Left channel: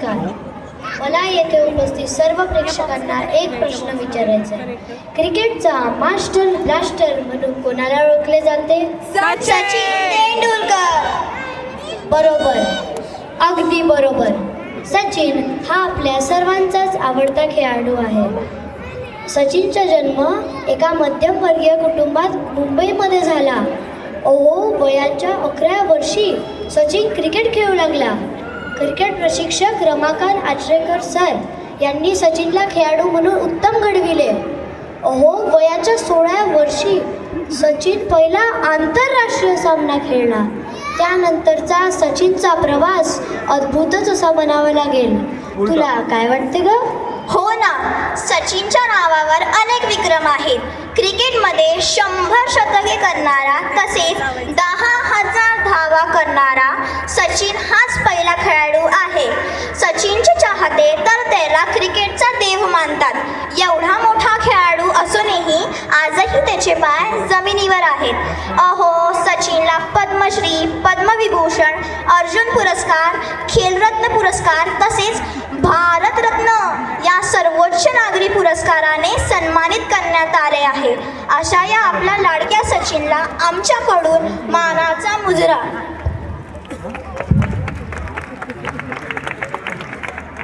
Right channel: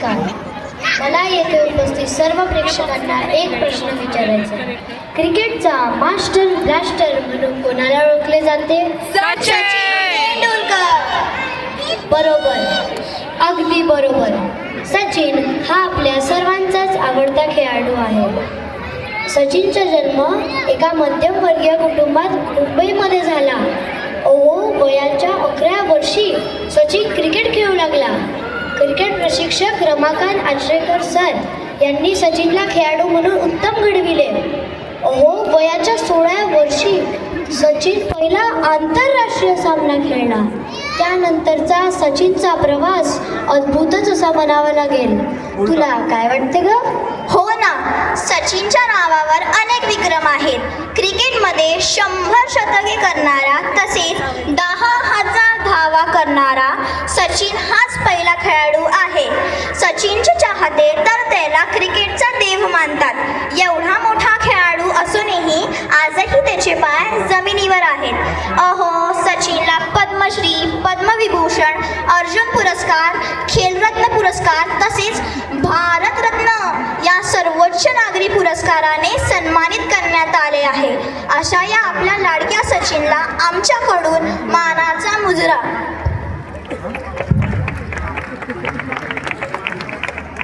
नमस्कार. मला येथे उपस्थित सर्व प्रेक्षकांना एक प्रश्न विचारायचा आहे. क्रिकेटचा मास्टर ब्लास्टर म्हणून कोणाला ओळखले जाते? सचिन तेंडुलकर. बरोबर, अगदी बरोबर. सचिन हा आपल्या सर्वांचाच आवडता खेळाडू आहे. सचिनचा जन्म एका मध्यमवर्गीय कुटुंबात मुंबईमध्ये झाला. वयाच्या 11व्या वर्षी सचिन क्रिकेट खेळू लागला. क्रिकेट प्रशिक्षक रमाकांत आचरेकर सर यांनी सचिनला खेळाडू म्हणून उत्तम घडविले. वयाच्या 16व्या वर्षी सचिन पहिला आंतरराष्ट्रीय सामना खेळला. त्यानंतरचा सचिनचा प्रवास अद्भुतच असा म्हणावा लागेल. तुला काय वाटते ग? हो ना, सचिनच्या नावावर अनेक विक्रम आहेत. क्रिकेटमध्ये 100 शतके करणारा तसेच 10,000 धावा करणारा सचिन हाच पहिला खेळाडू आहे. सचिनचे चाहते तर त्याला क्रिकेटचा देव मानतात. एवढा मोठा खेळाडू असूनही आजही त्याचे पाय जमिनीवर आहेत. सचिनला पद्मश्री, पद्मविभूषण, अर्जुन पुरस्कार, खेलरत्न पुरस्कार तसेच भारतरत्न या सर्वोच्च नागरी पुरस्काराने सन्मानित करण्यात आले आहे. अशा या आपल्या लाडक्या सचिनला आमच्याकडून मानाचा मुजरा.